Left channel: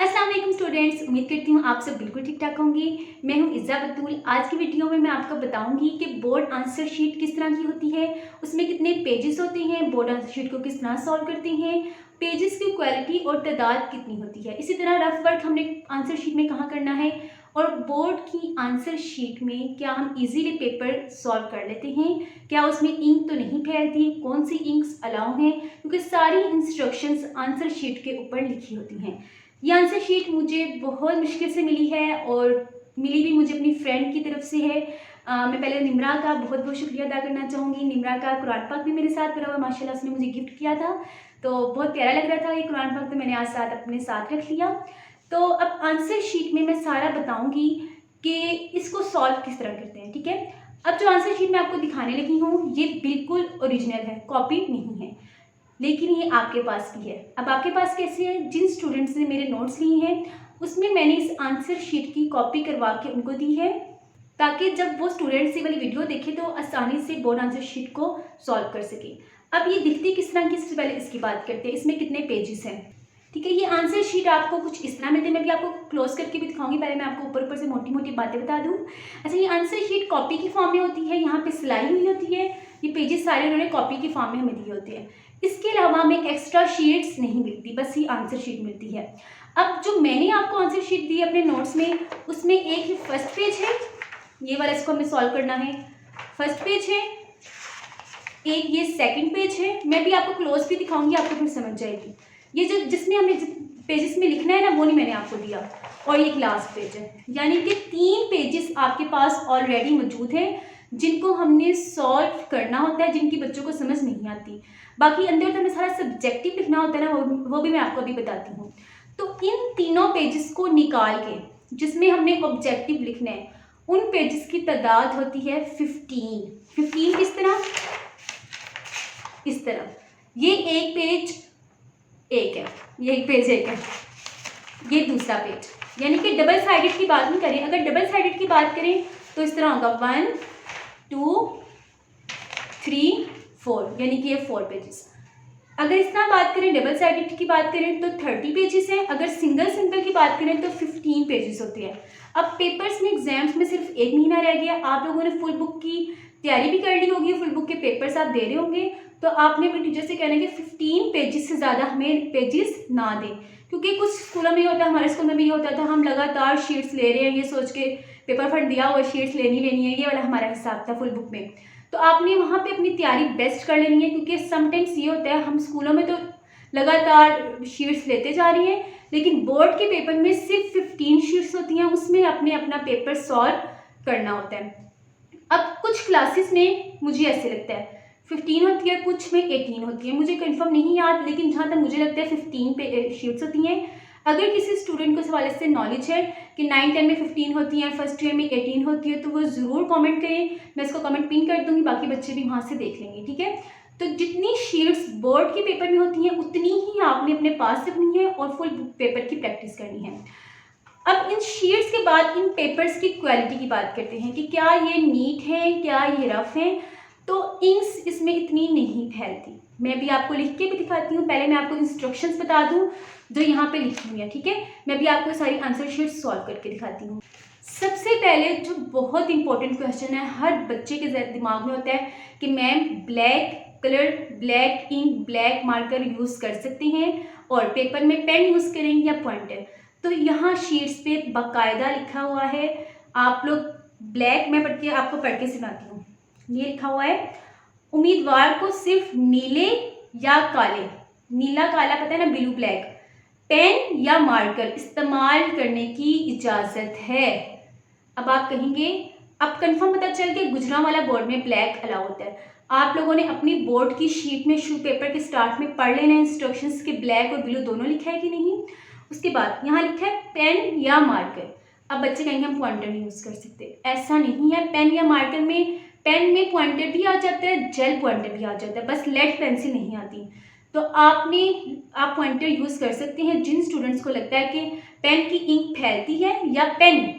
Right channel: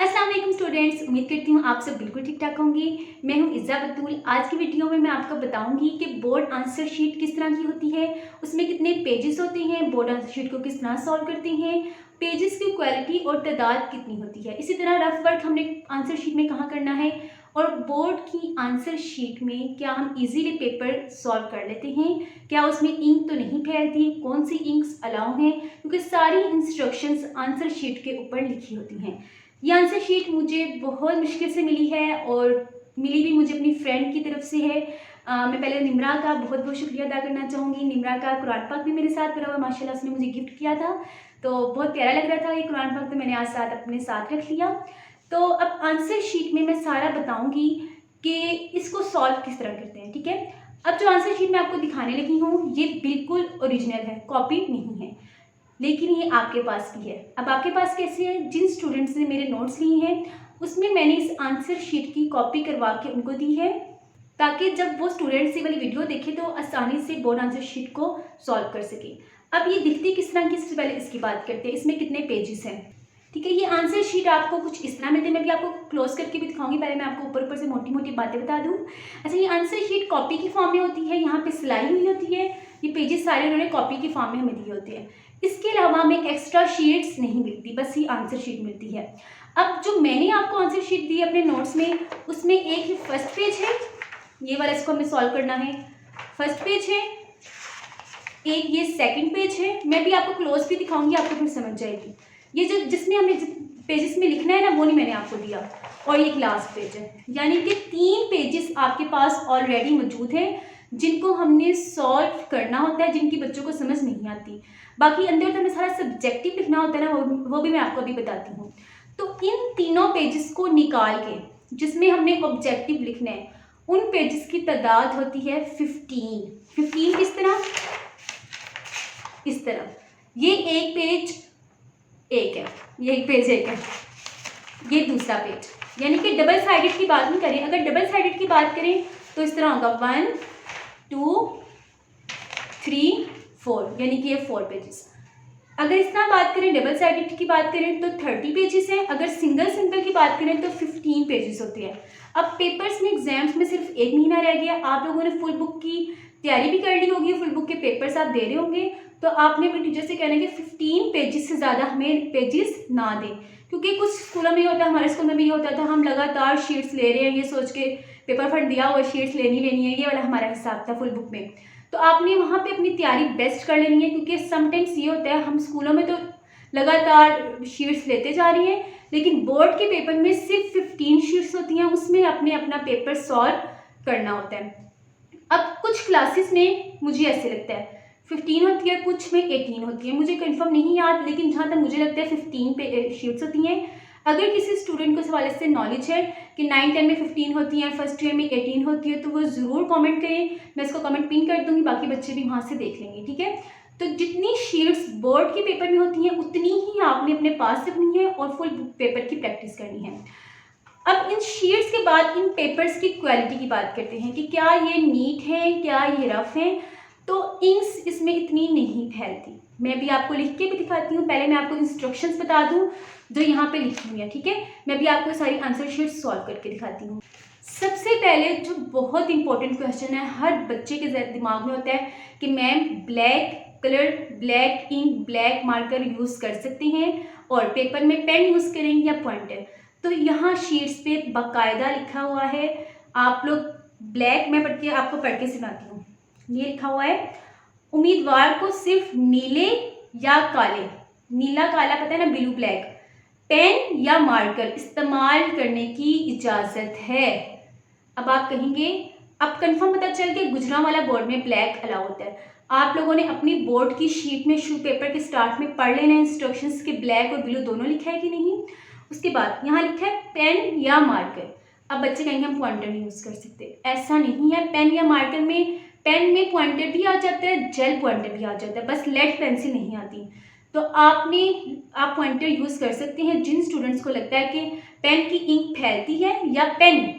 अस्सलाम वालेकुम स्टूडेंट्स, उम्मीद करती हूँ आप सब बिल्कुल ठीक ठाक होंगे। मैं हूँ इज़्ज़ा बतूल। आज की वीडियो में मैं आपको बताऊंगी कि बोर्ड आंसर शीट किस तरह की होती है, उसमें कितने पेजेस होते हैं, बोर्ड आंसर शीट को किस तरह सॉल्व करते हैं, पेजेस की क्वालिटी और तादाद कितनी होती है। इसी तरह रफ वर्क हमने आंसर शीट में कहाँ करना है और बोर्ड की आंसर शीट में क्या हम इजीली पेपर सॉल्व कर लेते हैं, क्या उसमें इंक तो नहीं फैलती, कौन सी इंक्स अलाउ हैं, क्योंकि सारी इंस्ट्रक्शंस आंसर शीट के ऊपर लिखी होती हैं। ये आंसर शीट मुझे बहुत मुश्किल से मिली है और मिली भी मुझे अपनी फ्रेंड की तरफ से है। मैं पहले निम्रा का बहुत बहुत शुक्रिया अदा करना चाहूँगी। निम्रा का कुरान पाक भी मेरे साथ पड़ा हुआ, माशाल्लाह उसने मुझे गिफ्ट किया था, तो बहुत प्यारा लग रहा था ये कुरान पाक, तो मैंने आज साथ अपने साथ रख लिया। तो अब आंसर शीट में मैं सारा बताऊँगी कि इसको सॉल्व किस तरह करते हैं, ठीक है। अब जो आंसर शीट मैं आपको दिखाने लगी हूँ ये बिल्कुल ओरिजिनल है, कॉपी नहीं है, लेकिन ये आपके पास भी है। अब आपके पास कैसे है, जिन स्टूडेंट्स ने मेरे नोट्स लिए हैं उसमें मैंने इस आंसर शीट की कॉपी करवा के उनको दी है, ताकि जब वो स्टूडेंट्स ये वाली वीडियो देखे तो आसानी से बोर्ड आंसर शीट को सॉल्व कर सके। अब ये दिखती किस तरह की, सबसे पहले इसकी बात करते हैं, इसमें कितने पेजेस हैं, ठीक है। ये आंसर शीट आपको कुछ इस तरह मिलती है, मैं भी आपको क्लोज करके भी दिखाऊंगी, पहले मैं आपको ऊपर ऊपर से मोटी मोटी बातें बता दूँ। अच्छा, ये आंसर शीट कॉपी की फॉर्म में होती है, यहाँ पे सिलाई हुई होती है, ये पेजेस सारे उन्होंने कॉपी की फॉर्म में हमें दिए होते हैं। इसके अलावा हमें एक्स्ट्रा शीट्स नहीं मिलती, बस ये आंसर शीट मिलती है। अब जो मैंने आपको आंसर शीट दी अपने नोट्स में, उसमें एक ही फर्स्ट पेज है, ये वाला इसको हमें सॉल्व करना है, फर्स्ट पेज है, एक ये सेकंड पेज है, मैं भी आपको क्लोज भी दिखाऊंगी, आपको फिर समझ जाएगी। ये जो जिसमें हमें पेजेस में लिखना है ना, वो नहीं मैंने आपको दिया, और ये लास्ट पेज है, यानी कि 3 पेजेस आपके पास ऑलरेडी मौजूद हैं जिनको हमने सॉल्व करना होता है, जिनकी बच्चों को समझ नहीं आती। बाकी अंदर तो हमें सारा सब्जेक्टिव लिखना होता है ना, वो भी मैं आपको अभी बताती हूँ। तो इन तीनों पेजेस को निकाल के जिसमें हमने ऑब्जेक्टिव लिखना है, उन पेजेस की तादाद होती है 15 इस तरह। ये एक पेज एक है, ये एक पेज एक है, ये दूसरा पेज, यानी कि डबल साइडेड की बात नहीं करें। अगर डबल साइडेड की बात करें तो इस तरह होगा 1 2 3 4, यानी कि ये 4 पेजेस। अगर इस तरह बात करें, डबल साइडेड की बात करें तो 30 पेजेस हैं। अगर सिंगल की बात करें तो 15 पेजेस होते हैं। अब पेपर्स में, एग्जाम्स में सिर्फ 1 महीना रह गया, आप लोगों ने फुल बुक की तैयारी भी कर ली होगी, फुल बुक के पेपर्स आप दे रहे होंगे, तो आपने अपने टीचर से कहना है कि 15 पेजेस से ज़्यादा हमें पेजेस ना दें, क्योंकि कुछ स्कूलों में होता है, हमारे स्कूल में भी ये होता था, हम लगातार शीट्स ले रहे हैं ये सोच के, पेपर फंड दिया हुआ शीट्स लेनी है, ये वाला हमारा हिसाब था फुल बुक में। तो आपने वहाँ पे अपनी तैयारी बेस्ट कर लेनी है, क्योंकि समटाइम्स ये होता है हम स्कूलों में तो लगातार शीट्स लेते जा रही हैं, लेकिन बोर्ड के पेपर में सिर्फ 15 शीट्स होती हैं, उसमें आपने अपना पेपर सॉल्व करना होता है। अब कुछ क्लासेस में मुझे ऐसे लगता है 15 होती है, कुछ में 18 होती है, मुझे कंफर्म नहीं याद, लेकिन जहाँ तक मुझे लगता है 15 शीट्स होती हैं। अगर किसी स्टूडेंट को इस हवाले से नॉलेज है कि 9 10 में 15 होती हैं, फर्स्ट ईयर में 18 होती है, तो वो ज़रूर कमेंट करें, मैं इसको कमेंट पिन कर दूँगी, बाकी बच्चे भी वहाँ से देख लेंगे, ठीक है। तो जितनी शीट्स बोर्ड के पेपर में होती हैं उतनी ही आपने अपने पास रखनी है और फुल पेपर की प्रैक्टिस करनी है। अब इन शीट्स के बाद इन पेपर्स की क्वालिटी की बात करते हैं कि क्या ये नीट है, क्या ये रफ है। तो इंक्स इसमें इतनी नहीं फैलती, मैं भी आपको लिख के भी दिखाती हूँ। पहले मैं आपको इंस्ट्रक्शंस बता दूँ जो यहाँ पे लिखी हुई है, ठीक है। मैं भी आपको सारी आंसर शीट सॉल्व करके दिखाती हूँ। सबसे पहले जो बहुत इंपॉर्टेंट क्वेश्चन है, हर बच्चे के दिमाग में होता है कि ma'am black colour, black ink, black marker use कर सकते हैं और पेपर में पेन यूज़ करेंगे या पॉइंटर। तो यहाँ शीट्स पे बाकायदा लिखा हुआ है, आप लोग ब्लैक, मैं आपको पढ़ के सुनाती हूँ। ये लिखा हुआ है, उम्मीदवार को सिर्फ नीले या काले, नीला काला पता है ना, ब्लू ब्लैक, पेन या मार्कर इस्तेमाल करने की इजाज़त है। अब आप कहेंगे, अब कंफर्म पता चल के गुजरांवाला बोर्ड में ब्लैक अलाउ होता है। आप लोगों ने अपनी बोर्ड की शीट में शू पेपर के स्टार्ट में पढ़ लेना इंस्ट्रक्शंस के ब्लैक और ब्लू दोनों लिखा है कि नहीं। उसके बाद यहाँ लिखा है पेन या मार्कर। अब बच्चे कहेंगे हम पॉइंटर नहीं यूज़ कर सकते, ऐसा नहीं है। पेन या मार्कर में, पेन में पॉइंटर भी आ जाता है, जेल पॉइंटर भी आ जाता है, बस लेड पेंसिल नहीं आती। तो आप पॉइंटर यूज़ कर सकते हैं जिन स्टूडेंट्स को लगता है कि पेन की इंक फैलती है या पेन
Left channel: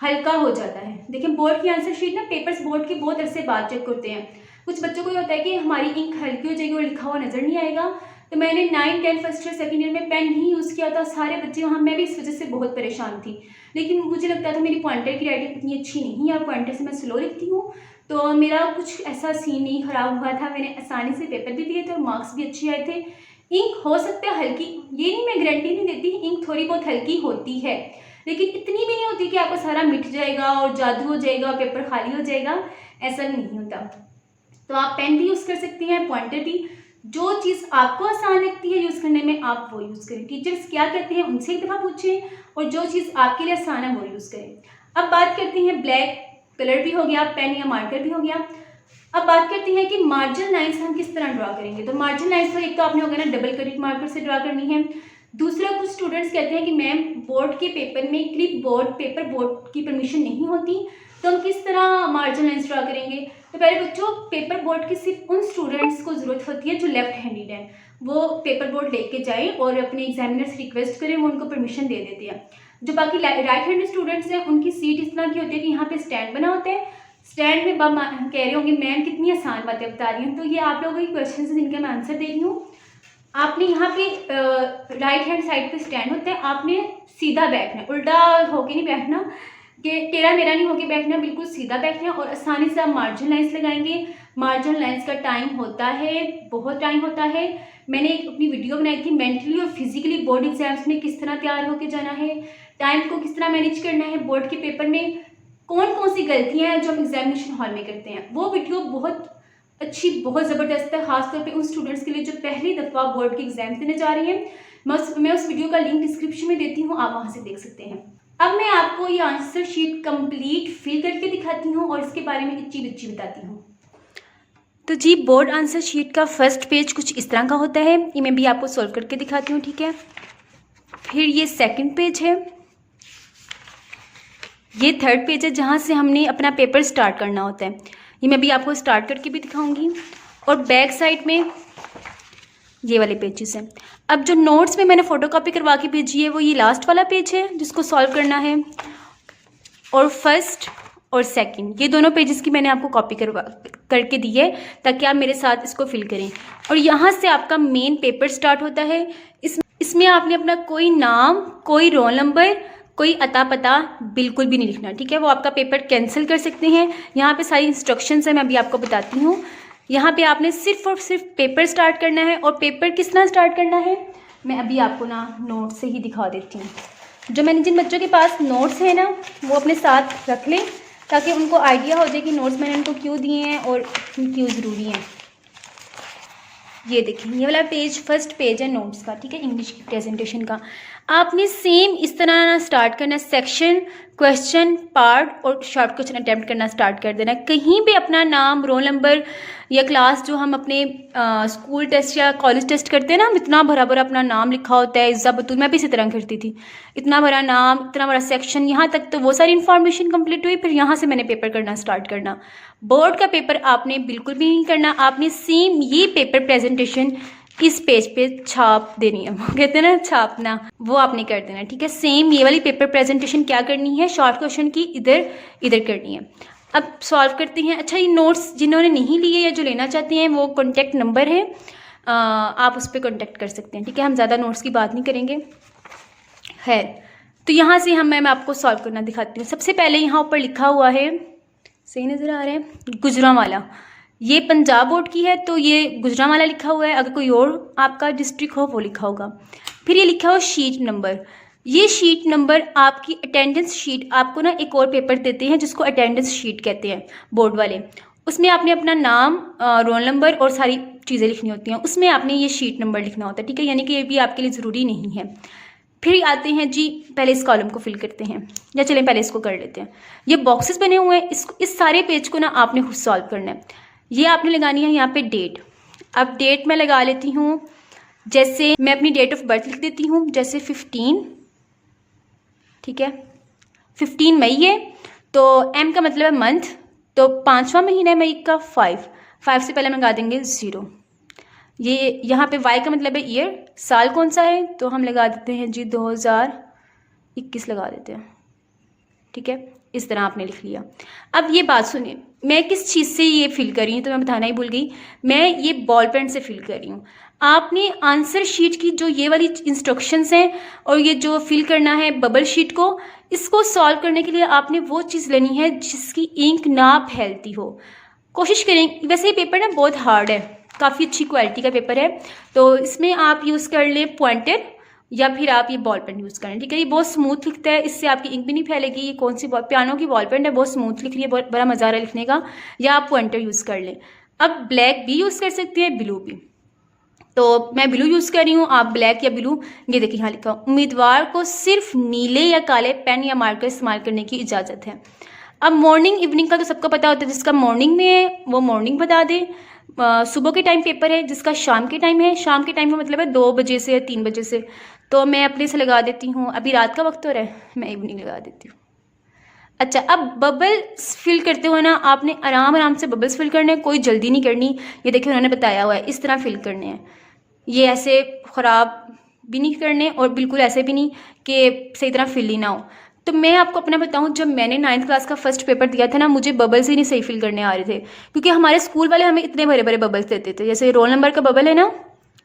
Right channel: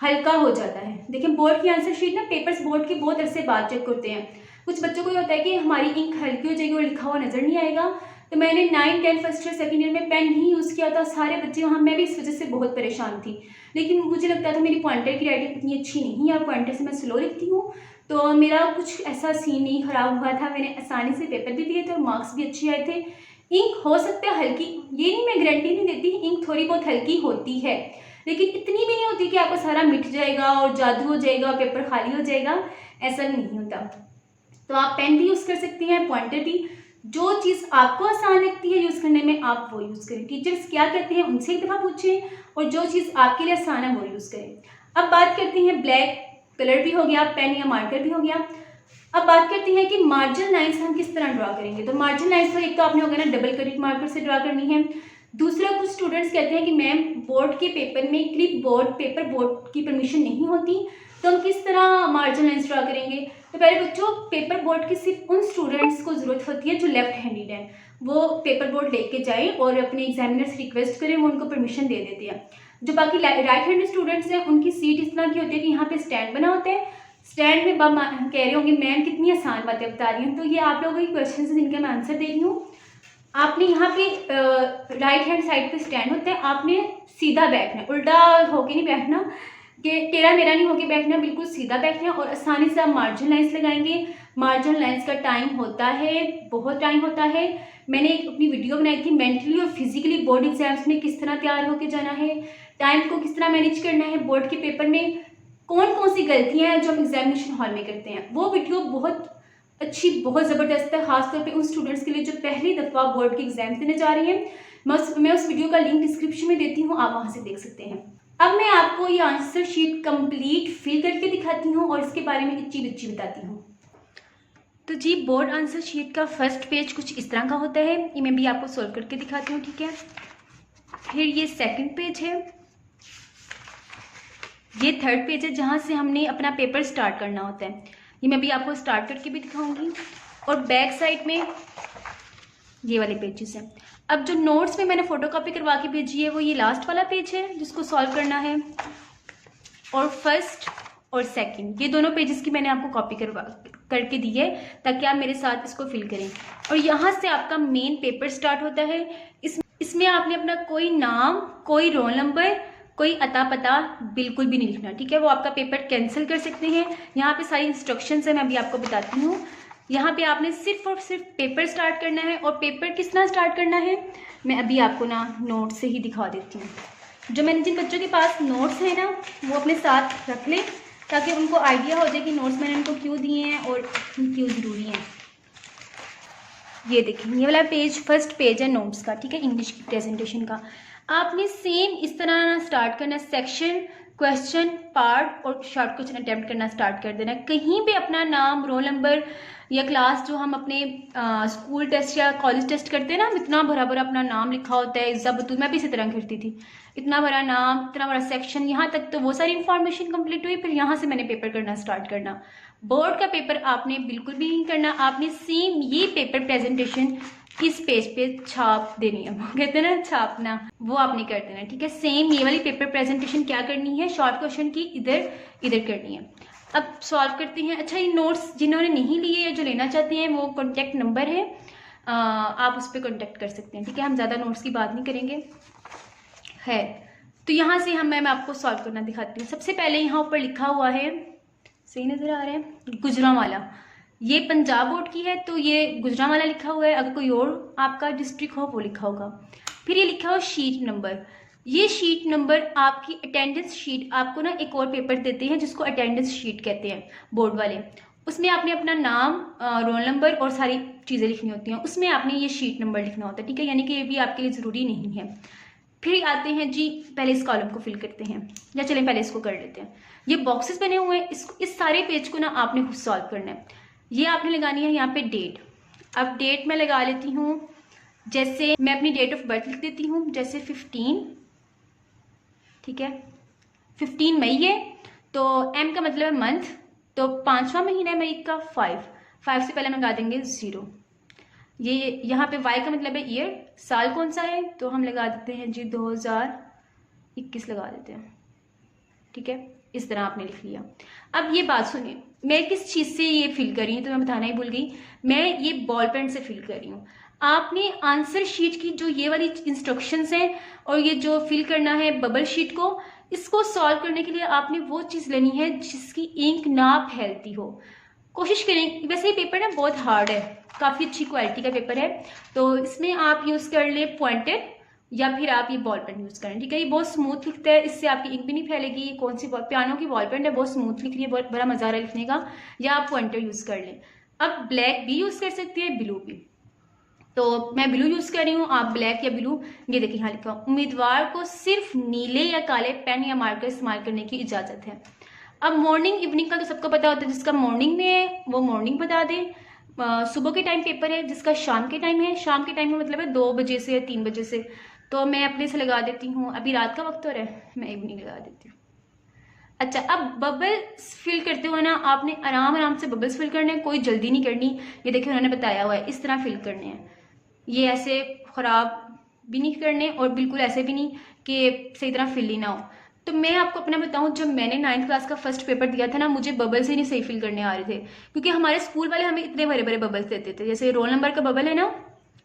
हल्का हो जाता है। देखिए बोर्ड की आंसर शीट ना, पेपर्स बोर्ड के बहुत अरसे बाद चेक करते हैं। कुछ बच्चों को ये होता है कि हमारी इंक हल्की हो जाएगी और लिखा हुआ नज़र नहीं आएगा, तो मैंने 9, 10 फर्स्ट ईयर सेकेंड ईयर में पेन ही यूज़ किया था, सारे बच्चे वहाँ, मैं भी इस वजह से बहुत परेशान थी। लेकिन मुझे लगता था मेरी पॉइंटर की राइटिंग इतनी अच्छी नहीं है और पॉइंटर से मैं स्लो लिखती हूँ, तो मेरा कुछ ऐसा सीन नहीं ख़राब हुआ था। मैंने आसानी से पेपर भी दिए थे और मार्क्स भी अच्छे आए थे। इंक हो सकता है हल्की, ये नहीं, मैं गारंटी नहीं देती, इंक थोड़ी बहुत हल्की होती है, लेकिन इतनी भी नहीं होती कि आपका सारा मिट जाएगा और जादू हो जाएगा और पेपर खाली हो जाएगा, ऐसा नहीं होता। तो आप पेन भी यूज़ कर सकती हैं, पॉइंटर भी। जो चीज़ आपको आसान लगती है यूज़ करने में आप वो यूज़ करें। टीचर्स क्या कहते हैं उनसे एक दफ़ा पूछें और जो चीज़ आपके लिए आसान है वो यूज़ करें। अब बात करते हैं, ब्लैक कलर भी हो गया, पेन या मार्कर भी हो गया। अब बात करते हैं कि मार्जिन लाइंस हम किस तरह ड्रा करेंगे। तो मार्जिन लाइंस तो एक तो आपने होगा ना डबल करेक्ट मार्कर से ड्रा करनी है। दूसरा, कुछ स्टूडेंट्स कहते हैं कि मैम बोर्ड के पेपर में क्लिप बोर्ड, पेपर बोर्ड की परमिशन नहीं होती, तो हम किस तरह मार्जिन लाइंस ड्रा करेंगे। तो पहले बच्चों, पेपर बोर्ड की सिर्फ उन स्टूडेंट्स को ज़रूरत होती है जो लेफ्ट हैंडेड है, वो पेपर बोर्ड लेके जाएं और अपने एग्जामिनर से रिक्वेस्ट करें, वो उनको परमिशन दे देते हैं। जो बाकी राइट हैंडेड स्टूडेंट्स हैं उनकी सीट इस तरह की होती है कि यहाँ पे स्टैंड बना होता है। स्टैंड में कह रहे होंगे मैम कितनी आसान बातें बता रही हैं, तो ये आप लोगों के क्वेश्चन हैं जिनके मैं आंसर दे रही हूँ। आपने यहाँ पे राइट हैंड साइड पे स्टैंड होता है, आपने सीधा बैठना है, उल्टा होके नहीं बैठना कि टेढ़ा मेढ़ा नहीं होके बैठना, बिल्कुल सीधा बैठना और आसानी से आप मार्जिन लाइंस लगाएंगे। मार्जिन लाइंस का टाइम होता है, बहुत टाइम होता है। मैंने एक अपनी वीडियो बनाई थी मेंटली और फिजिकली बोर्ड एग्जाम्स में किस तरह तैयार होकर जाना है, टाइम को किस तरह मैनेज करना है, बोर्ड के पेपर में कौन कौन सी गलतियाँ हैं जो हम एग्जामिनेशन हॉल में करते हैं। वो वीडियो बहुत अच्छी, बहुत ज़बरदस्त है, खासतौर पे उन स्टूडेंट्स के लिए जो पहली दफ़ा बोर्ड के एग्जाम देने जा रही हैं। मैं उस वीडियो का लिंक डिस्क्रिप्शन में देती हूँ, आप वहाँ से देख सकते हैं। अब मैं आपको ये आंसर शीट कंप्लीट फिल करके दिखाती हूँ और इसके बारे में इच्ची बिच्ची बताती हूँ। तो जी, बोर्ड आंसर शीट का फर्स्ट पेज कुछ इस तरह का होता है, ये मैं भी आपको सॉल्व करके दिखाती हूँ, ठीक है। फिर ये सेकंड पेज है, ये थर्ड पेज है जहाँ से हमने अपना पेपर स्टार्ट करना होता है, ये मैं भी आपको स्टार्ट करके भी दिखाऊंगी। और बैक साइड में ये वाले पेजेस हैं। अब जो नोट्स में मैंने फ़ोटोकॉपी करवा के भेजी है वो ये लास्ट वाला पेज है जिसको सॉल्व करना है, और फर्स्ट और सेकंड ये दोनों पेजेस की मैंने आपको कॉपी करके दी है ताकि आप मेरे साथ इसको फिल करें। और यहाँ से आपका मेन पेपर स्टार्ट होता है। इसमें आपने अपना कोई नाम, कोई रोल नंबर, कोई अता पता बिल्कुल भी नहीं लिखना, ठीक है। वो आपका पेपर कैंसिल कर सकते हैं। यहाँ पे सारी इंस्ट्रक्शंस है, मैं अभी आपको बताती हूँ। यहाँ पे आपने सिर्फ और सिर्फ पेपर स्टार्ट करना है। और पेपर किस तरह स्टार्ट करना है मैं अभी आपको ना नोट से ही दिखा देती हूँ। जो मैंने जिन बच्चों के पास नोट्स है ना वो अपने साथ रख लें ताकि उनको आइडिया हो जाए कि नोट्स मैंने उनको क्यों दिए हैं और क्यों ज़रूरी हैं। ये देखिए, ये वाला पेज फर्स्ट पेज है नोट्स का, ठीक है, इंग्लिश की प्रेजेंटेशन का। आपने सेम इस तरह ना स्टार्ट करना, सेक्शन, क्वेश्चन, पार्ट और शॉर्ट क्वेश्चन अटेम्प्ट करना स्टार्ट कर देना। कहीं भी अपना नाम, रोल नंबर या क्लास, जो हम अपने स्कूल टेस्ट या कॉलेज टेस्ट करते हैं ना, इतना भरा भरा अपना नाम लिखा होता है, इज़्ज़ा बतूल, मैं भी इसी तरह करती थी, इतना बड़ा नाम, इतना बड़ा सेक्शन, यहाँ तक तो वो सारी इन्फॉर्मेशन कंप्लीट हुई। फिर यहाँ से मैंने पेपर करना स्टार्ट करना। बोर्ड का पेपर आपने बिल्कुल भी नहीं करना, आपने सेम ये पेपर प्रेजेंटेशन इस पेज पे छाप देनी है, वो कहते हैं ना छापना, वो आपने कर देना, ठीक है। सेम ये वाली पेपर प्रेजेंटेशन क्या करनी है, शॉर्ट क्वेश्चन की इधर करनी है। अब सॉल्व करते हैं। अच्छा, ये नोट्स जिन्होंने नहीं लिए या जो लेना चाहते हैं वो कॉन्टैक्ट नंबर है, आप उस पर कॉन्टैक्ट कर सकते हैं, ठीक है। हम ज़्यादा नोट्स की बात नहीं करेंगे। है तो यहाँ से मैं आपको सॉल्व करना दिखाती हूँ। सबसे पहले यहाँ ऊपर लिखा हुआ है, सही नज़र आ रहा है, गुजरांवाला, ये पंजाब बोर्ड की है तो ये गुजरांवाला लिखा हुआ है। अगर कोई और आपका डिस्ट्रिक्ट हो वो लिखा होगा। फिर ये लिखा हुआ शीट नंबर, ये शीट नंबर आपकी अटेंडेंस शीट, आपको ना एक और पेपर देते हैं जिसको अटेंडेंस शीट कहते हैं बोर्ड वाले, उसमें आपने अपना नाम, रोल नंबर और सारी चीज़ें लिखनी होती हैं, उसमें आपने ये शीट नंबर लिखना होता है, ठीक है। यानी कि ये भी आपके लिए ज़रूरी नहीं है। फिर आते हैं जी, पहले इस कॉलम को फिल करते हैं, या चलें पहले इसको कर लेते हैं। ये बॉक्सेस बने हुए हैं, इस सारे पेज को ना आपने खुद सॉल्व करना है। ये आपने लगानी है यहाँ पे डेट। अब डेट मैं लगा लेती हूँ, जैसे मैं अपनी डेट ऑफ बर्थ लिख देती हूँ, जैसे 15, ठीक है, 15 मई है, तो M का मतलब है मंथ, तो 5वां महीना है मई का, 5 से पहले हम लगा देंगे 0। ये यहाँ पे Y का मतलब है ईयर, साल कौन सा है, तो हम लगा देते हैं जी 2021 लगा देते हैं, ठीक है। इस तरह आपने लिख लिया। अब ये बात सुनिए, मैं किस चीज़ से ये फिल कर रही हूँ तो मैं बताना ही भूल गई, मैं ये बॉल पेन से फिल कर रही हूँ। आपने आंसर शीट की जो ये वाली इंस्ट्रक्शंस हैं और ये जो फिल करना है बबल शीट को, इसको सॉल्व करने के लिए आपने वो चीज़ लेनी है जिसकी इंक ना फैलती हो। कोशिश करें, वैसे ये पेपर ना बहुत हार्ड है, काफ़ी अच्छी क्वालिटी का पेपर है, तो इसमें आप यूज़ कर लें पॉइंटर या फिर आप ये बॉल पेन यूज़ करें, ठीक है। ये बहुत स्मूथ लिखता है, इससे आपकी इंक भी नहीं फैलेगी। ये कौन सी पियानो की बॉल पेन है, बहुत स्मूथ लिख रही है, बहुत बड़ा मज़ा आ रहा है लिखने का। या आप पॉइंटर यूज़ कर लें। अब ब्लैक भी यूज़ कर सकते हैं, ब्लू भी, तो मैं ब्लू यूज़ कर रही हूँ, आप ब्लैक या ब्लू। ये देखिए यहाँ लिखा, उम्मीदवार को सिर्फ नीले या काले पेन या मार्कर इस्तेमाल करने की इजाज़त है। अब मॉर्निंग इवनिंग का तो सबको पता होता है, जिसका मॉर्निंग में है वो मॉर्निंग बता दे। सुबह के टाइम पेपर है, जिसका शाम के टाइम है, शाम के टाइम का मतलब है 2 बजे से या 3 बजे से, तो मैं अपने से लगा देती हूँ। अभी रात का वक्त हो रहा है, मैं इवनिंग लगा देती हूँ। अच्छा, अब बबल्स फिल करते हुए ना आपने आराम आराम से बबल्स फिल करने हैं, कोई जल्दी नहीं करनी। ये देखिए उन्होंने बताया हुआ है इस तरह फिल करने हैं, ये ऐसे ख़राब भी नहीं करने और बिल्कुल ऐसे भी नहीं कि सही तरह फिल ही ना हो। तो मैं आपको अपना बताऊं, जब मैंने 9th क्लास का फर्स्ट पेपर दिया था ना, मुझे बबल्स ही नहीं सही फिल करने आ रहे थे, क्योंकि हमारे स्कूल वाले हमें इतने बड़े बड़े बबल्स देते थे, जैसे रोल नंबर का बबल है ना,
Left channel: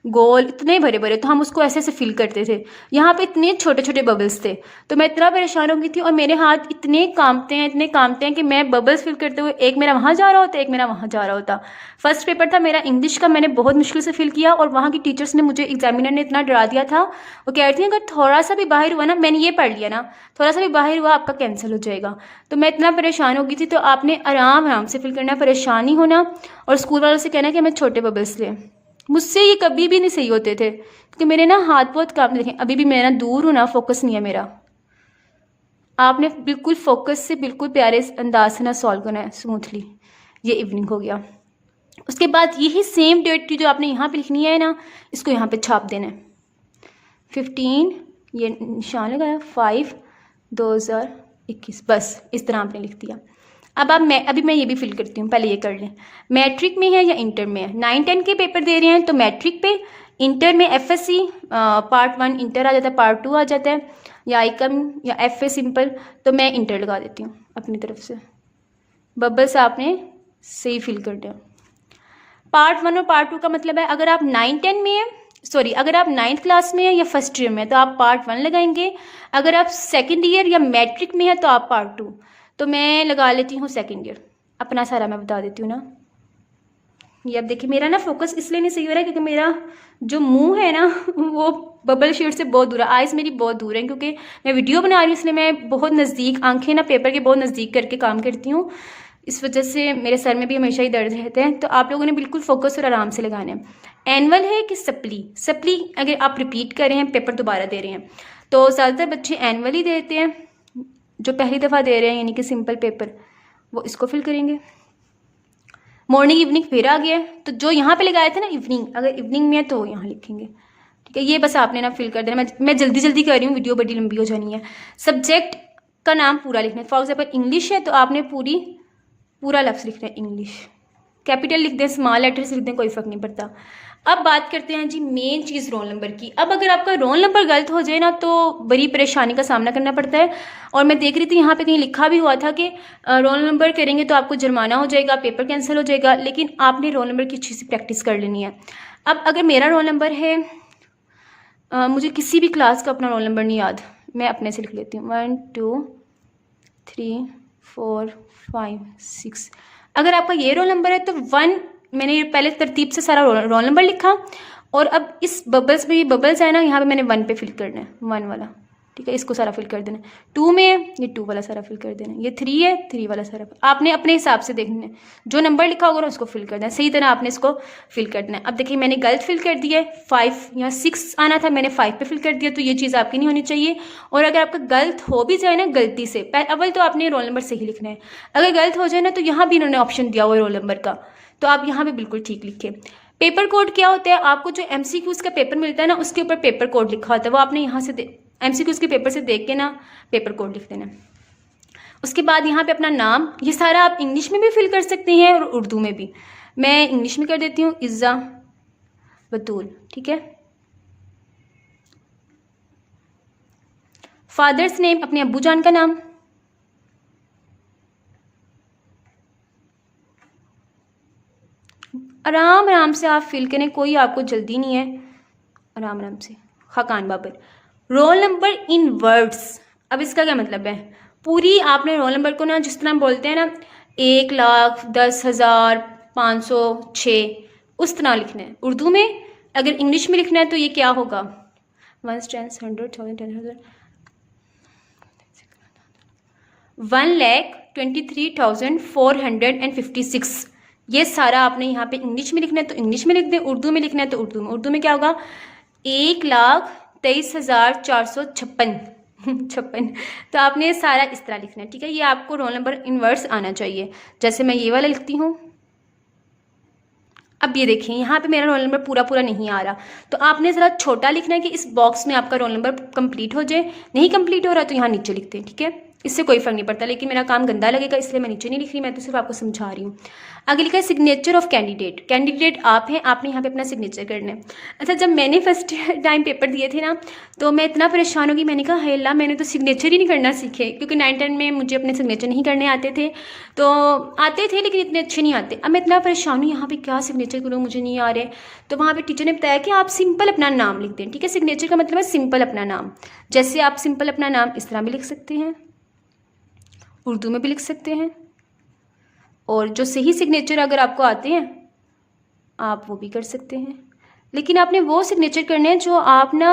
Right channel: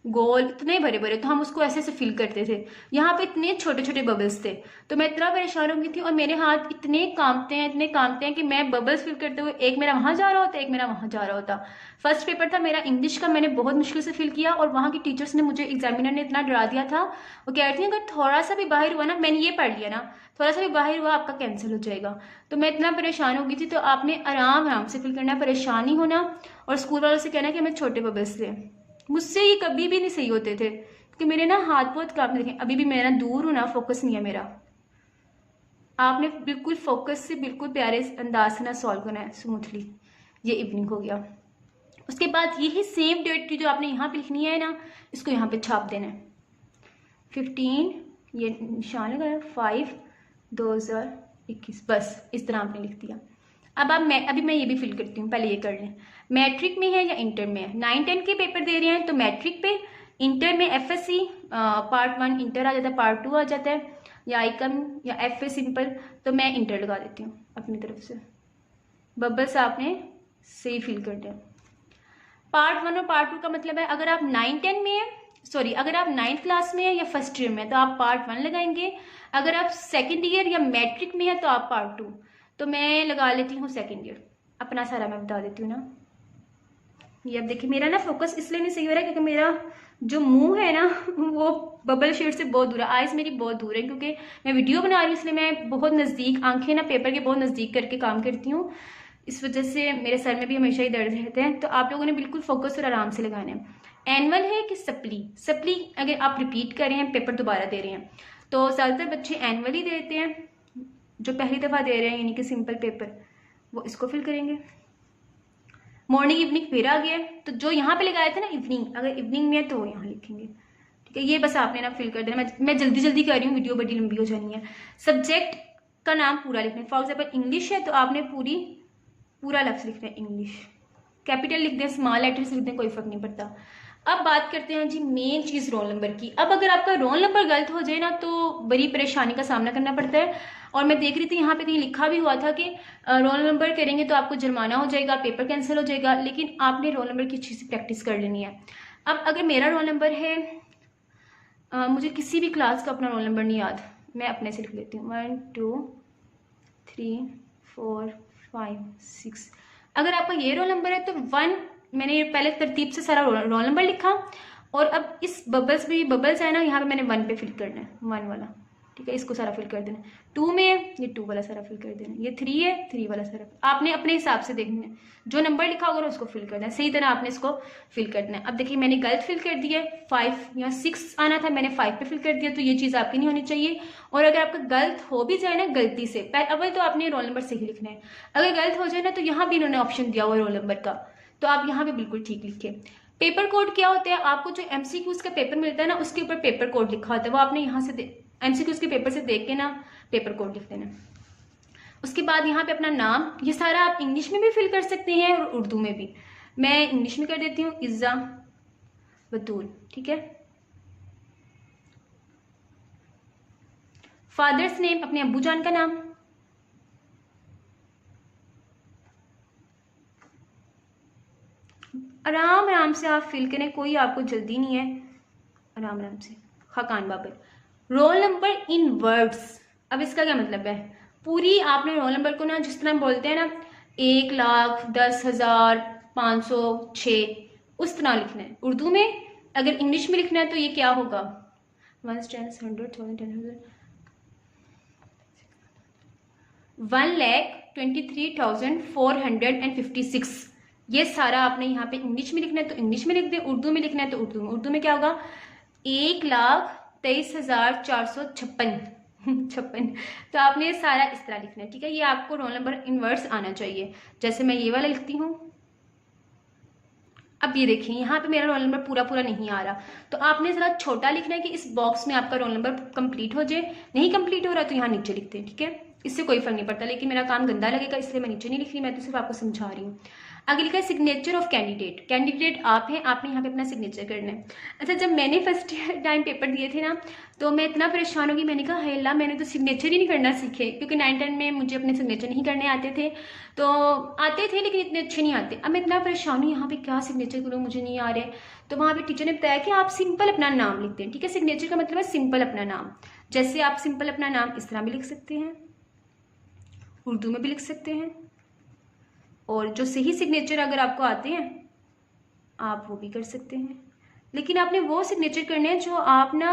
गोल इतने बड़े बड़े, तो हम उसको ऐसे ऐसे फिल करते थे। यहाँ पे इतने छोटे छोटे बबल्स थे, तो मैं इतना परेशान हो गई थी और मेरे हाथ इतने कांपते हैं कि मैं बबल्स फिल करते हुए एक मेरा वहाँ जा रहा होता, एक मेरा वहाँ जा रहा होता। फर्स्ट पेपर था मेरा इंग्लिश का, मैंने बहुत मुश्किल से फिल किया और वहाँ की टीचर्स ने मुझे, एग्जामिनर ने इतना डरा दिया था। वो कह रही थी अगर थोड़ा सा भी बाहर हुआ ना, मैंने ये पढ़ लिया ना, थोड़ा सा भी बाहर हुआ आपका कैंसिल हो जाएगा। तो मैं इतना परेशान हो गई थी। तो आपने आराम आराम से फिल करना, परेशान नहीं होना, और स्कूल वालों से कहना कि हमें छोटे बबल्स लें। मुझसे ये कभी भी नहीं सही होते थे, क्योंकि मेरे ना हाथ बहुत काम देखें, अभी भी मैं ना दूर हूँ ना, फोकस नहीं है मेरा। आपने बिल्कुल फोकस से बिल्कुल प्यारे अंदाज से ना सॉल्व करना है स्मूथली। ये इवनिंग हो गया। उसके बाद यही सेम डेट की जो आपने यहाँ पे लिखनी है ना, इसको यहाँ पे छाप देना है। 15, ये निशान लगाया, 5/2021, बस इस तरह आपने लिख दिया। अब आप अभी मैं ये भी फिल करती हूँ, पहले ये कर लें। मैट्रिक में है या इंटर में है, 9-10 के पेपर दे रहे हैं तो मैट्रिक पे, इंटर में FSC पार्ट 1 इंटर आ जाता है, पार्ट 2 आ जाता है, या आइकम या FA सिंपल, तो मैं इंटर लगा देती हूँ अपनी तरफ से। बबल्स आपने सही फिल कर दिया। पार्ट 1 और पार्ट 2 का मतलब है, अगर आप 9-10 में है, सॉरी अगर आप 9th क्लास में है या फर्स्ट ईयर में, तो आप पार्ट 1 लगाएंगे। अगर आप सेकेंड ईयर या मैट्रिक में है तो आप पार्ट 2। तो मैं लगा लेती हूँ सेकेंड ईयर, अपना सारा मैं बता देती हूँ ना। ये अब देखिए मेरा ना फोकस इसलिए नहीं सही हो रहा है क्योंकि मेरा जो मुंह है ना वो बबल शीट से बहुत दूर है, आइज़ मेरी बहुत दूर है, क्योंकि मैं वीडियो बना रही हूँ, इसलिए मैं बहुत नज़दीक, आंखें ना पेपर के बहुत नज़दीक करके काम करती हूँ, इस वजह से मेरे सर में भी हमेशा ही दर्द रहते हैं। तो आप लोगों ने बिल्कुल फोकस और आराम से लगाना है। एनुअल है कि सप्ली अगर आप रिपीट कर रहे हैं, पेपर दोबारा दे रहे हैं, तो ज़्यादातर बच्चे एनुअल ही देते हैं। जो पहली दफ़ा दे रहे हैं यानी कि सिंपल पेपर, वो इसको फिल करेंगे। मॉर्निंग इवनिंग फिर आ गया है, तो जो यहाँ पे लगाया था ना इवनिंग, अगर इवनिंग में है तो यहाँ लिखेंगे, ठीक है। ये बस आपने ना फिल कर देना। मैं जल्दी जल्दी कर रही हूँ, वीडियो बड़ी लंबी हो जानी है। सब्जेक्ट का नाम पूरा लिखना है, फॉर एग्जाम्पल इंग्लिश है तो आपने पूरा लफ्ज़ लिखना है इंग्लिश, कैपिटल लिख दें, स्मॉल लेटर से लिख दें, कोई फ़र्क नहीं पड़ता। अब बात करते हैं जी मेन चीज़ रोल नंबर की। अब अगर आपका रोल नंबर गलत हो जाए ना तो बड़ी परेशानी का सामना करना पड़ता है। और मैं देख रही थी यहाँ पे कहीं लिखा भी हुआ था कि रोल नंबर करेंगे तो आपको जुर्माना हो जाएगा, पेपर कैंसिल हो जाएगा, लेकिन आपने रोल नंबर की अच्छी सी प्रैक्टिस कर लेनी है। अब अगर मेरा रोल नंबर है, मुझे किसी भी क्लास का अपना रोल नंबर नहीं याद, मैं अपने से लिख लेती हूँ, 1 2 3 4 5 6। अगर आपका ये रोल नंबर है तो 1, मैंने ये पहले तरतीब से सारा रोल नंबर लिखा, और अब इस बबल्स में, ये बबल्स है ना, यहाँ पे मैंने 1 पे फिल करना है, 1 वाला, ठीक है, इसको सारा फिल कर देना है। 2 में है, ये 2 वाला सारा फिल कर देना है। ये 3 है, 3 वाला सारा आपने अपने हिसाब से देखना है, जो नंबर लिखा होगा ना उसको फिल कर देना है, सही तरह आपने इसको फिल कर देना है। अब देखिए मैंने गलत फिल कर दिया है, 5 या 6 आना था, मैंने 5 पे फिल कर दिया, तो ये चीज़ आपकी नहीं होनी चाहिए। और अगर आपका गलत हो भी जाए ना गलती से, अव्वल तो आपने रोल नंबर सही लिखना है, अगर गलत हो जाए ना तो यहाँ भी इन्होंने ऑप्शन दिया हुआ है रोल नंबर का, तो आप यहाँ भी बिल्कुल ठीक लिखें। पेपर कोड क्या होता है, आपको जो MCQs का पेपर मिलता है ना उसके ऊपर पेपर कोड लिखा होता है, वो आपने यहाँ से MCQs के पेपर से देख के ना पेपर कोड लिख देना। उसके बाद यहाँ पे अपना नाम, ये सारा आप इंग्लिश में भी फिल कर सकते हैं और उर्दू में भी। मैं इंग्लिश में कर देती हूँ, इज़्ज़ा बतूल, ठीक है। फादर्स नेम, अपने अब्बू जान का नाम, आराम आराम से आप फिल करें, कोई आपको जल्दी नहीं है, आराम आराम से। Khaqan Babar. Roll number in words, अब इसका क्या मतलब है? पूरी आपने रोल नंबर को ना जिस तरह बोलते हैं ना 1,10,506 उस तरह लिखना है उर्दू में। अगर इंग्लिश में लिखना है तो ये क्या होगा? 1 10 100 1000 10,000 1,23,456। ये सारा आपने यहाँ पे इंग्लिश में लिखना है तो इंग्लिश में लिख दें, उर्दू में लिखना है तो उर्दू में। उर्दू में क्या होगा? 1,23,456 छप्पन। तो आपने ये सारा इस तरह लिखना है, ठीक है। ये आपको रोल नंबर इन वर्ड्स आना चाहिए। जैसे मैं ये वाला लिखती हूँ, अब ये देखिए यहाँ पे मेरा रोल नंबर पूरा पूरा नहीं आ रहा, तो आपने ज़रा छोटा लिखना है कि इस बॉक्स में आपका रोल नंबर कंप्लीट हो जाए। नहीं कंप्लीट हो रहा तो यहाँ नीचे लिखते हैं, ठीक है। इससे कोई फर्क नहीं पड़ता, लेकिन मेरा काम गंदा लगेगा इसलिए मैं नीचे नहीं लिख रही, मैं तो सिर्फ आपको समझा रही हूँ। आगे लिखा है सिग्नेचर ऑफ कैंडिडेट। कैंडिडेट आप हैं, आपने यहाँ पे अपना सिग्नेचर करना है। अच्छा, जब मैंने फर्स्ट टाइम पेपर दिए थे ना तो मैं इतना परेशान होगी, मैंने कहा हे अल्लाह, मैंने तो सिग्नेचर ही नहीं करना सीखे, क्योंकि 9-10 में मुझे अपने सिग्नेचर नहीं करने आते थे। तो आते थे लेकिन इतने अच्छे नहीं आते। अब मैं इतना परेशान हूँ यहाँ पे क्या सिग्नेचर करूँ, मुझे नहीं आ रहे। तो वहाँ पे टीचर ने बताया कि आप सिंपल अपना नाम लिखते हैं, ठीक है। सिग्नेचर का मतलब है सिंपल अपना नाम। जैसे आप सिंपल अपना नाम इस तरह भी लिख सकते हैं, उर्दू में भी लिख सकते हैं, और जो सही सिग्नेचर अगर आपको आते हैं आप वो भी कर सकते हैं। लेकिन आपने वो सिग्नेचर करने हैं जो आप ना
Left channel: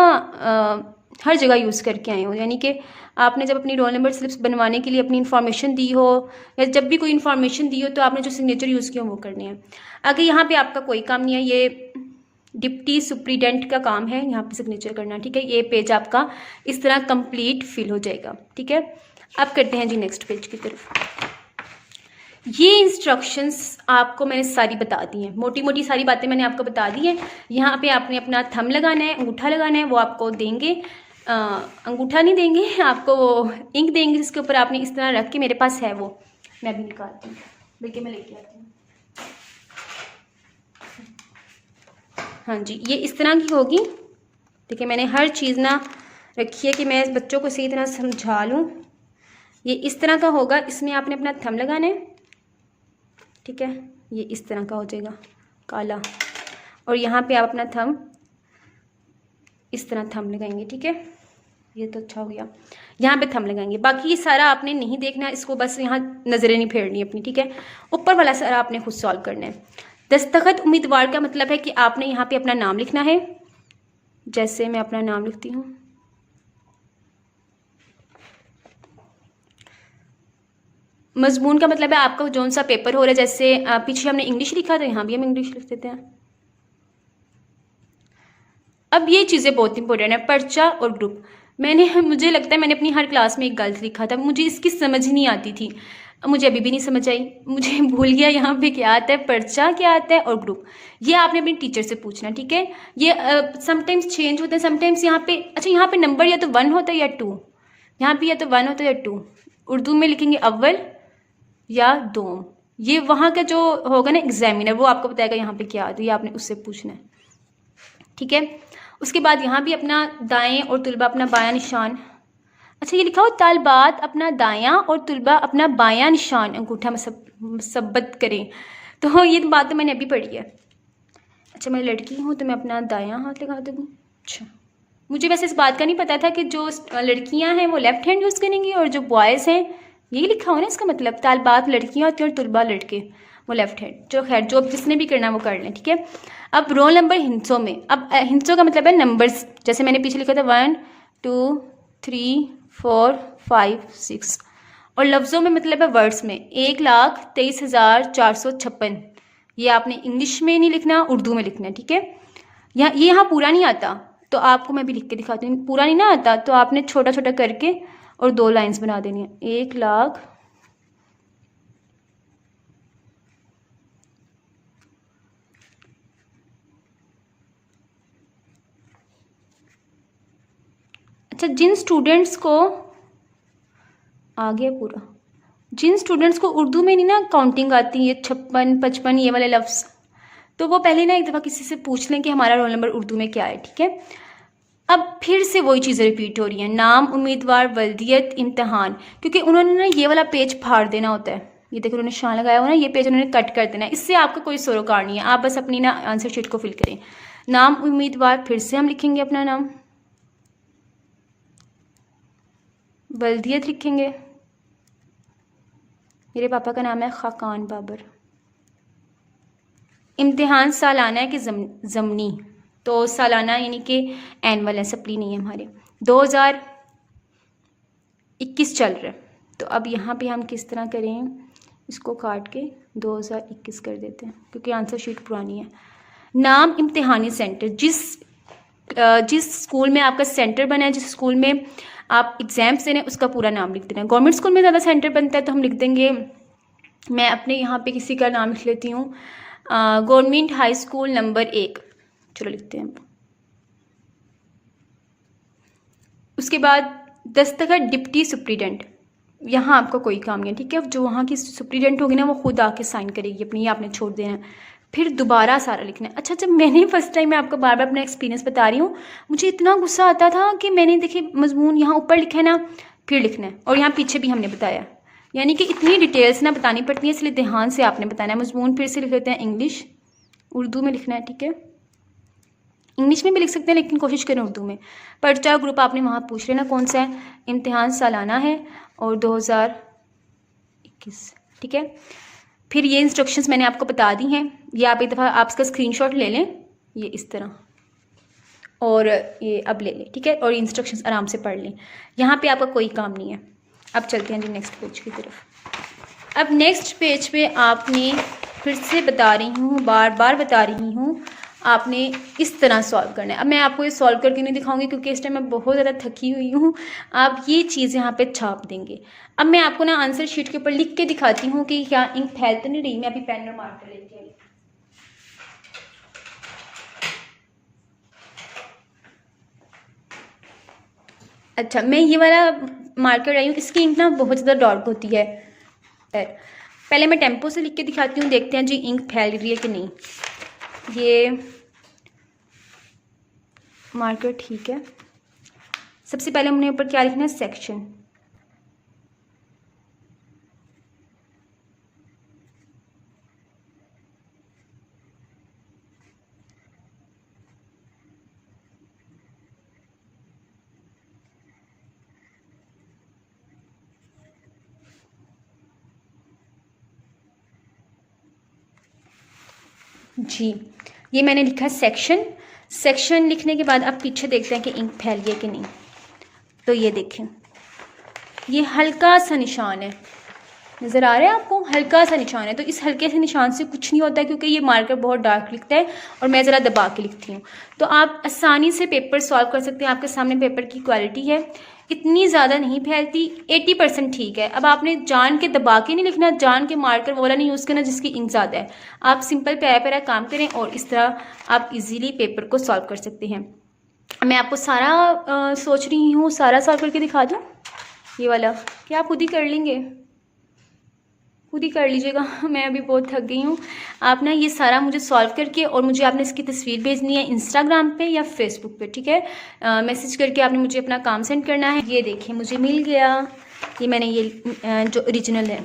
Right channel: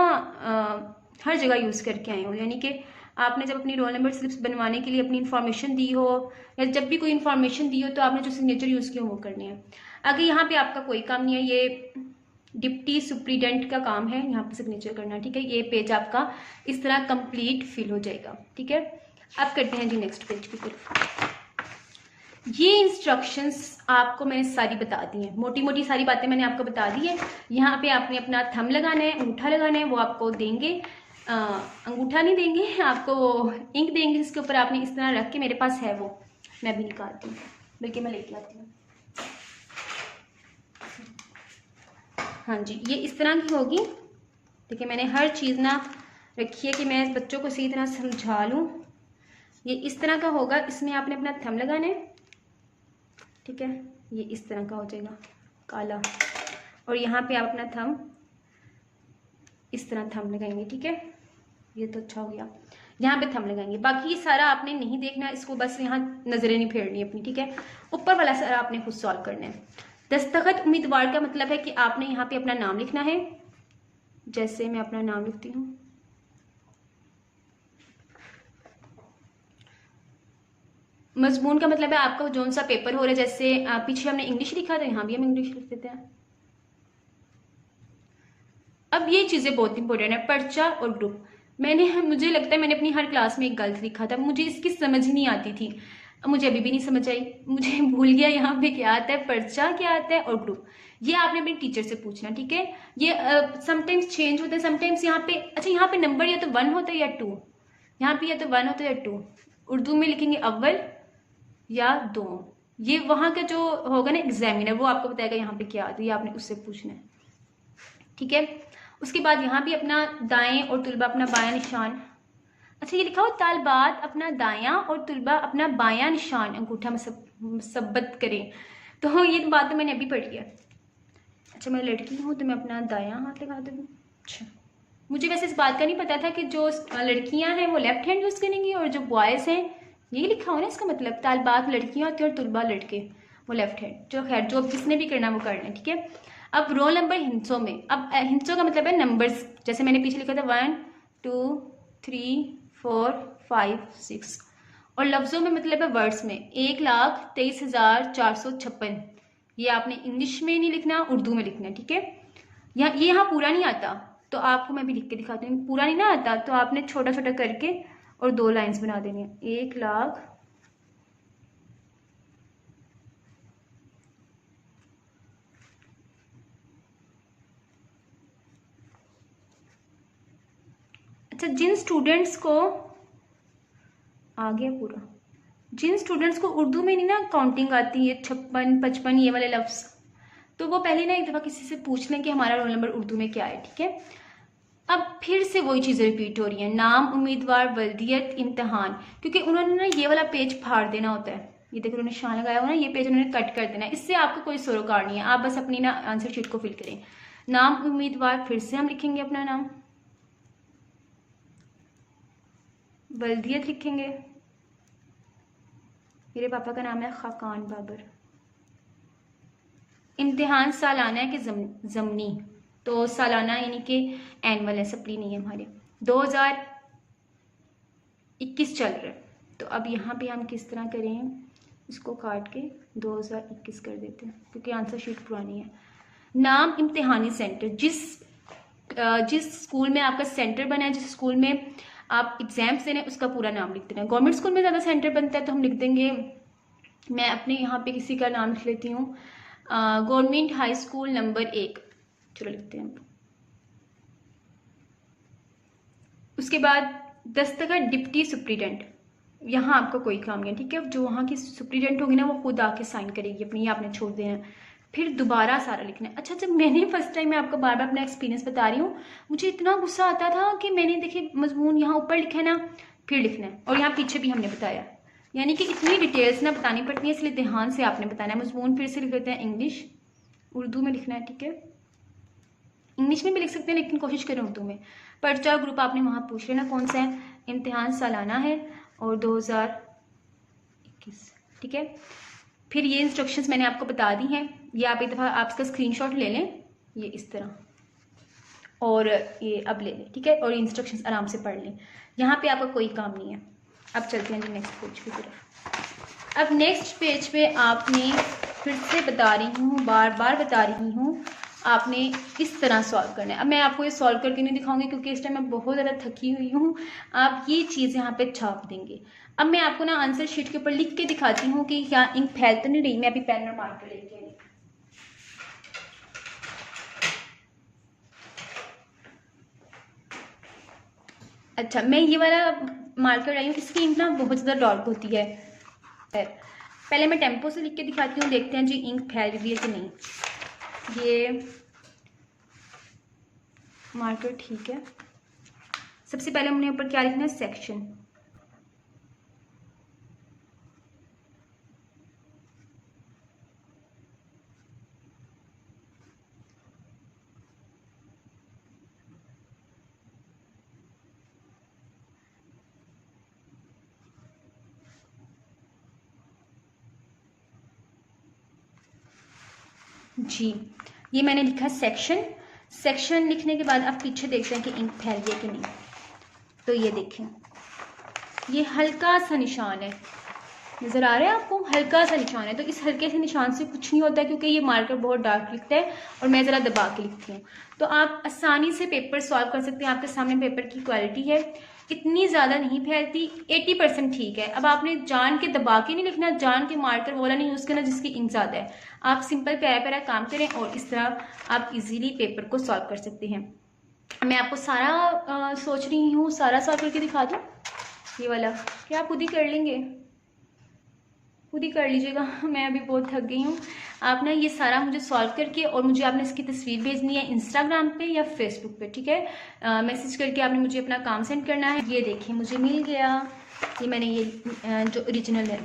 हर जगह यूज़ करके आए हो, यानी कि आपने जब अपनी रोल नंबर स्लिप्स बनवाने के लिए अपनी इन्फॉर्मेशन दी हो या जब भी कोई इन्फॉर्मेशन दी हो तो आपने जो सिग्नेचर यूज़ किया वो करने हैं। अगर यहाँ पे आपका कोई काम नहीं है, ये डिप्टी सुप्रीडेंट का काम है यहाँ पे सिग्नेचर करना, ठीक है। ये पेज आपका इस तरह कंप्लीट फिल हो जाएगा, ठीक है। अब करते हैं जी नेक्स्ट पेज की तरफ। ये इंस्ट्रक्शंस आपको मैंने सारी बता दी हैं, मोटी मोटी सारी बातें मैंने आपको बता दी हैं। यहाँ पे आपने अपना थंब लगाना है, अंगूठा लगाना है, वो आपको देंगे। अंगूठा नहीं देंगे आपको, वो इंक देंगे जिसके ऊपर आपने इस तरह रख के, मेरे पास है वो, मैं अभी निकालती हूँ, बल्कि मैं लेके आती हूँ। हाँ जी, ये इस तरह की होगी। देखिए मैंने हर चीज़ ना रखी है कि मैं इस बच्चों को सही तरह समझा लूँ। ये इस तरह का होगा, इसमें आपने अपना थंब लगाना है, ठीक है। ये इस तरह का हो जाएगा काला, और यहाँ पे आप अपना थंब इस तरह थंब लगाएंगे, ठीक है। ये तो अच्छा हो गया, यहाँ पे थंब लगाएंगे। बाकी ये सारा आपने नहीं देखना, इसको बस यहाँ नज़रें नहीं फेरनी अपनी, ठीक है। ऊपर वाला सारा आपने खुद सॉल्व करना है। दस्तखत उम्मीदवार का मतलब है कि आपने यहाँ पे अपना नाम लिखना है। जैसे मैं अपना नाम लिखती हूँ, मजमून का मतलब है आपका जौन सा पेपर हो रहा है। जैसे पीछे हमने इंग्लिश लिखा था, यहाँ भी हम इंग्लिश लिख देते हैं। अब ये चीज़ें बहुत इंपॉर्टेंट है, पर्चा और ग्रुप। मुझे लगता है मैंने अपनी हर क्लास में एक गलत लिखा था, मुझे इसकी समझ ही नहीं आती थी, मुझे अभी भी नहीं समझ आई, मुझे भूल गया यहाँ पे क्या आता है, पर्चा क्या आता है और ग्रुप। ये आपने अपने टीचर से पूछना, ठीक है। ये समटाइम्स चेंज होते हैं, समटाइम्स यहाँ पे, अच्छा यहाँ पे नंबर या तो 1 होता है या 2, यहाँ पे या तो 1 होता है या 2। उर्दू में लिखेंगे अव्वल या 2। ये वहाँ का जो होगा ना एग्जामिनर, वो आपको बताएगा यहाँ पे क्या आता है, ये आपने उससे पूछना है, ठीक है। उसके बाद यहाँ भी अपना दाएं और तुलबा अपना बायां निशान। अच्छा ये लिखा हो तालबात अपना दायां और तुलबा अपना बायां निशान अंगूठा मसब्बत करें। तो ये बात तो मैंने अभी पढ़ी है। अच्छा मैं लड़की हूँ तो मैं अपना दायां हाथ लगा दूँ। अच्छा मुझे वैसे इस बात का नहीं पता था कि जो लड़कियाँ हैं वो लेफ्ट हैंड यूज़ करेंगी और जो बॉयज़ हैं, यही लिखा हो ना इसका मतलब, तालबात लड़कियाँ होती हैं और तुलबा लड़के, वो लेफ्ट हैंड। जो खैर जो जिसने भी करना वो कर लें, ठीक है। अब रोल नंबर हिंसों में, अब हिंसों का मतलब है नंबर्स। जैसे मैंने पीछे लिखा था 1 2 3 4 5 6, और लफ्ज़ों में मतलब है वर्ड्स में 1,23,456। ये आपने इंग्लिश में नहीं लिखना, उर्दू में लिखना है, ठीक है। ये यहाँ पूरा नहीं आता तो आपको मैं भी लिख के दिखाती हूँ। पूरा नहीं ना आता तो आपने छोटा छोटा करके और 2 लाइंस बना देनी है। 1,00,000 अच्छा जिन स्टूडेंट्स को आ गया पूरा, जिन स्टूडेंट्स को उर्दू में नहीं ना काउंटिंग आती है 56 55 ये वाले लफ्ज़, तो वो पहले ना एक दफ़ा किसी से पूछ लें कि हमारा रोल नंबर उर्दू में क्या है, ठीक है। अब फिर से वही चीज़ें रिपीट हो रही हैं, नाम, उम्मीदवार, वल्दियत, इम्तिहान, क्योंकि उन्होंने ना ये वाला पेज फाड़ देना होता है। ये देखो उन्होंने निशान लगाया हुआ ना, ये पेज उन्होंने कट कर देना है। इससे आपका कोई सरोकार नहीं है, आप बस अपनी ना आंसर शीट को फिल करें। नाम उम्मीदवार, फिर से हम लिखेंगे अपना नाम, बल्दियत लिखेंगे, मेरे पापा का नाम है खाकान बाबर। इम्तिहान सालाना है कि ज़मनी, तो सालाना यानी कि एनुअल है, सप्ली नहीं है हमारे। 2021 चल रहा है, तो अब यहाँ पे हम किस तरह करें, इसको काट के 2021 कर देते हैं क्योंकि आंसर शीट पुरानी है। नाम इम्तिहानी सेंटर, जिस स्कूल में आपका सेंटर बना है, जिस स्कूल में आप एग्ज़ाम्स दे रहे हैं, उसका पूरा नाम लिख देना है। गवर्नमेंट स्कूल में ज़्यादा सेंटर बनता है तो हम लिख देंगे, मैं अपने यहाँ पे किसी का नाम लिख लेती हूँ, गवर्नमेंट हाई स्कूल नंबर 1, चलो लिखते हैं। उसके बाद दस्तखत डिप्टी सुप्रीडेंट, यहाँ आपका कोई काम नहीं है, ठीक है। जो वहाँ की सुप्रीडेंट होगी ना, वो खुद आके साइन करेगी अपनी, ये आपने छोड़ देना है। फिर दोबारा सारा लिखना है। अच्छा, जब मैंने फर्स्ट टाइम, मैं आपको बार बार अपना एक्सपीरियंस बता रही हूँ, मुझे इतना गुस्सा आता था कि मैंने देखिए मजमून यहाँ ऊपर लिखा है ना, फिर लिखना है, और यहाँ पीछे भी हमने बताया, यानी कि इतनी डिटेल्स ना बतानी पड़ती है, इसलिए ध्यान से आपने बताना है। मजमून फिर से लिख लेते हैं इंग्लिश, उर्दू में लिखना है, ठीक है। इंग्लिश में भी लिख सकते हैं लेकिन कोशिश करें उर्दू में। पर्चा ग्रुप आपने वहाँ पूछ लेना कौन सा है, इम्तिहान सालाना है और 2021, ठीक है। फिर ये इंस्ट्रक्शंस मैंने आपको बता दी हैं, ये आप एक दफ़ा आप इसका स्क्रीनशॉट ले लें, ये इस तरह, और ये अब ले लें, ठीक है, और इंस्ट्रक्शंस आराम से पढ़ लें। यहाँ पे आपका कोई काम नहीं है। अब चलते हैं जी नेक्स्ट पेज की तरफ। अब नेक्स्ट पेज पे आपने, फिर से बता रही हूँ, बार बार बता रही हूँ, आपने इस तरह सॉल्व करना है। अब मैं आपको ये सॉल्व करके नहीं दिखाऊंगी क्योंकि इस टाइम मैं बहुत ज़्यादा थकी हुई हूँ। आप ये चीज़ यहाँ पे छाप देंगे। अब मैं आपको ना आंसर शीट के ऊपर लिख के दिखाती हूँ कि क्या इंक फैल तो नहीं रही। मैं अभी पेन और मार्कर लेके आई। अच्छा, मैं ये वाला मार्कर आई हूँ, इसकी इंक ना बहुत ज़्यादा डार्क होती है। पहले मैं टेम्पो से लिख के दिखाती हूँ, देखते हैं जी इंक फैल रही है कि नहीं। ये मार्कर ठीक है। सबसे पहले हमने ऊपर क्या लिखना है, सेक्शन। जी, ये मैंने लिखा सेक्शन। सेक्शन लिखने के बाद अब पीछे देखते हैं कि इंक फैल गई कि नहीं। तो ये देखें, ये हल्का सा निशान है, नज़र आ रहा है आपको, हल्का सा निशान है। तो इस हल्के से निशान से कुछ नहीं होता क्योंकि ये मार्कर बहुत डार्क लिखता है और मैं ज़रा दबा के लिखती हूँ। तो आप आसानी से पेपर सॉल्व कर सकते हैं। आपके सामने पेपर की क्वालिटी है, इतनी ज़्यादा नहीं फैलती, 80% ठीक है। अब आपने जान के दबा के नहीं लिखना, जान के मार्कर वाला नहीं यूज़ करना जिसकी इंक ज़्यादा है। आप सिंपल प्यारा प्यारा काम करें और इस तरह आप इजीली पेपर को सॉल्व कर सकते हैं। मैं आपको सारा सोच रही हूँ सारा सॉल्व करके दिखा दूँ। ये वाला क्या आप खुद ही कर लेंगे, खुद ही कर लीजिएगा, मैं अभी बहुत थक गई हूँ। आप ना ये सारा मुझे सॉल्व करके और मुझे आपने इसकी तस्वीर भेजनी है इंस्टाग्राम पे या फेसबुक पे, ठीक है। मैसेज करके आपने मुझे अपना काम सेंड करना है। ये देखिए मुझे मिल गया, ये मैंने ये जो ओरिजिनल है,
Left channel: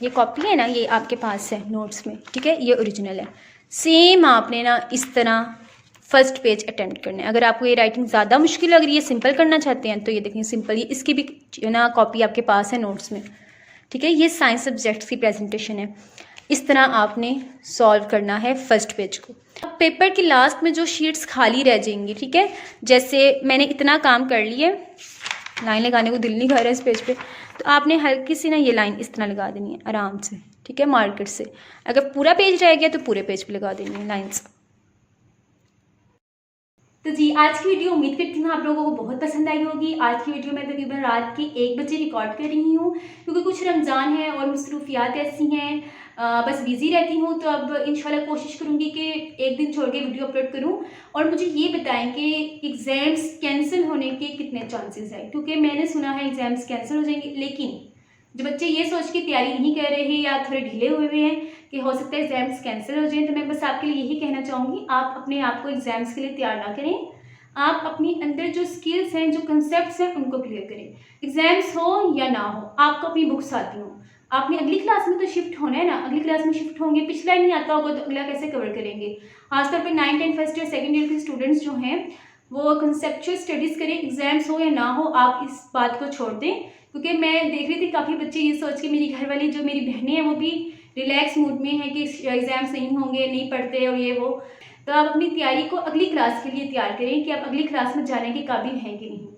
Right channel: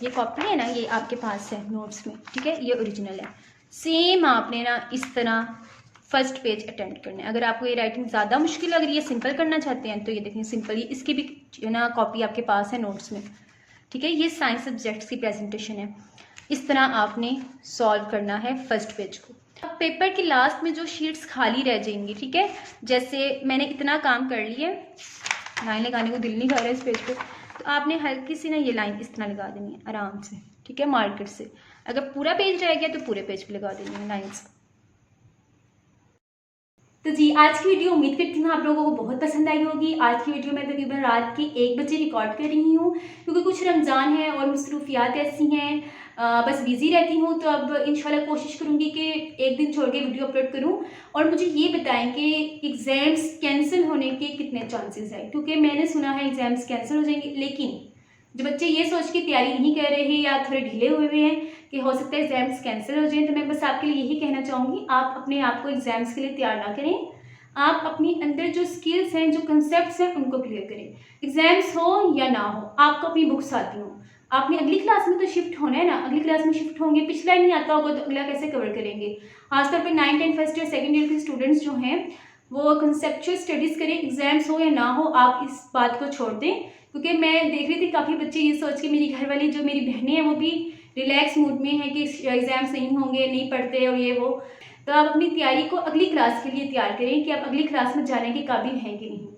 ये कॉपी है ना, ये आपके पास है नोट्स में, ठीक है, ये ओरिजिनल है। सेम आपने ना इस तरह फर्स्ट पेज अटेम्प्ट करना है। अगर आपको ये राइटिंग ज़्यादा मुश्किल लग रही है, सिंपल करना चाहते हैं, तो ये देखें सिंपल, ये इसकी भी ना कॉपी आपके पास है नोट्स में, ठीक है। ये साइंस सब्जेक्ट्स की प्रेजेंटेशन है। इस तरह आपने सॉल्व करना है फर्स्ट पेज को। अब पेपर की लास्ट में जो शीट्स खाली रह जाएंगी, ठीक है, जैसे मैंने इतना काम कर लिया, लाइन लगाने को दिल नहीं कर रहा है इस पेज पे, तो आपने हल्की सी ना ये लाइन इस तरह लगा देनी है आराम से, ठीक है, मार्कर से। अगर पूरा पेज रह गया तो पूरे पेज पे लगा देनी है लाइन्स। तो जी आज की वीडियो उम्मीद करती हूँ आप लोगों को बहुत पसंद आई होगी। आज की वीडियो मैं तकरीबन रात के 1 बजे रिकॉर्ड कर रही हूँ क्योंकि कुछ रमज़ान है और मसरूफियात ऐसी हैं, बस बिज़ी रहती हूँ। तो अब इंशाल्लाह कोशिश करूँगी कि एक दिन छोड़ के वीडियो अपलोड करूँ। और मुझे ये बताएं कि एग्ज़ाम्स कैंसिल होने के कितने चांसेस हैं, क्योंकि मैंने सुना है एग्ज़ाम्स कैंसिल हो जाएंगे, लेकिन जो बच्चे ये सोच के तैयारी नहीं कर रहे या थोड़े ढीले हुए हैं कि हो सकता है एग्ज़ाम्स कैंसिल हो जाएं, तो मैं बस आपके लिए यही कहना चाहूँगी, आप अपने आप को एग्ज़ाम्स के लिए तैयार ना करें। आप अपनी अंदर जो स्किल्स हैं, जो कंसेप्ट्स हैं, उनको क्लियर करें। एग्ज़ाम्स हो या ना हो, आपको अपनी बुक्स आती हों, आपने अगली क्लास में तो शिफ्ट होना है ना, अगली क्लास में शिफ्ट होंगे, पिछला ही नहीं आता होगा तो अगला कैसे कवर करेंगे। खासतौर पे 9th 10th first year second year के स्टूडेंट्स जो हैं वो कंसेप्चुअल स्टडीज़ करें, एग्जाम्स हो या ना हो आप इस बात को छोड़ दें। क्योंकि मैं देख रही थी काफ़ी बच्चे ये सोच के, मेरी घर वाली जो मेरी बहनें हैं वो भी रिलैक्स मूड में है कि एग्ज़ाम्स नहीं होंगे, नहीं पढ़ते और ये वो। तो आप अपनी तैयारी को अगली क्लास के लिए तैयार करें कि आप अगली क्लास में जाने के काबिल हैं कि नहीं।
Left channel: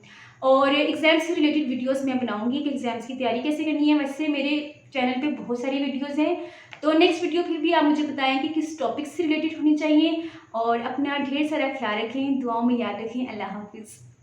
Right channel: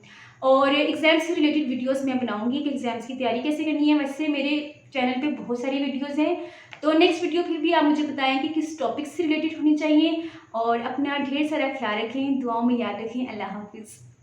और एग्ज़ाम से रिलेटेड वीडियोस मैं बनाऊंगी कि एग्ज़ाम्स की तैयारी कैसे करनी है। वैसे मेरे चैनल पे बहुत सारी वीडियोस हैं, तो नेक्स्ट वीडियो फिर भी आप मुझे बताएं कि किस टॉपिक से रिलेटेड होनी चाहिए। और अपना ढेर सारा ख्याल रखें, दुआओं में याद रखें। अल्लाह हाफिज़।